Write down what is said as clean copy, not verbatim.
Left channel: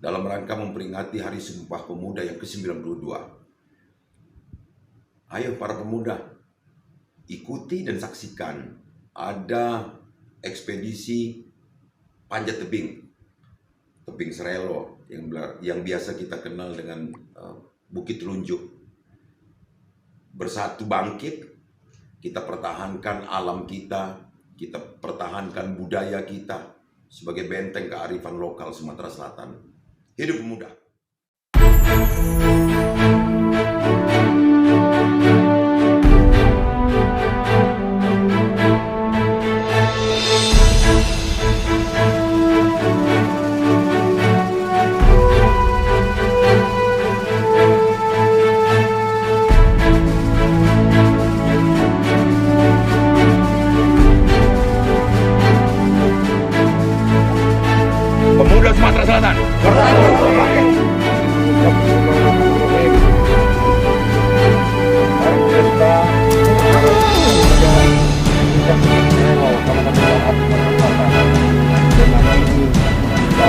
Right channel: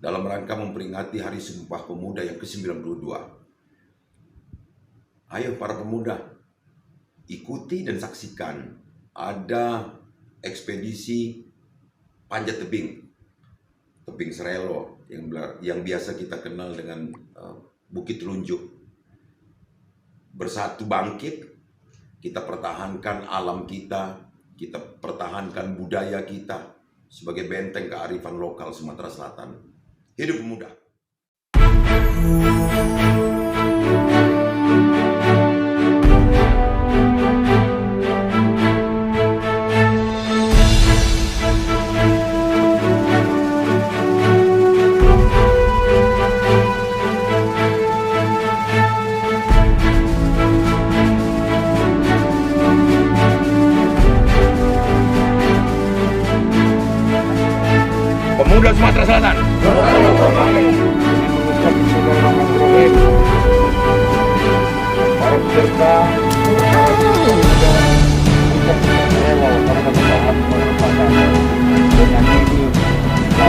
dalam rangka memperingati Hari Sumpah Pemuda yang ke-92. Ayo para pemuda, ikuti dan saksikan ada ekspedisi panjat tebing Serelo yang biasa kita kenal dengan Bukit Telunjuk. Bersatu bangkit, kita pertahankan alam kita pertahankan budaya kita sebagai benteng kearifan lokal Sumatera Selatan. Hidup pemuda! Pemuda Sumatera Selatan. Para peserta, Puncak Serelo, Kabupaten Sumatera Selatan. Dengan ini kita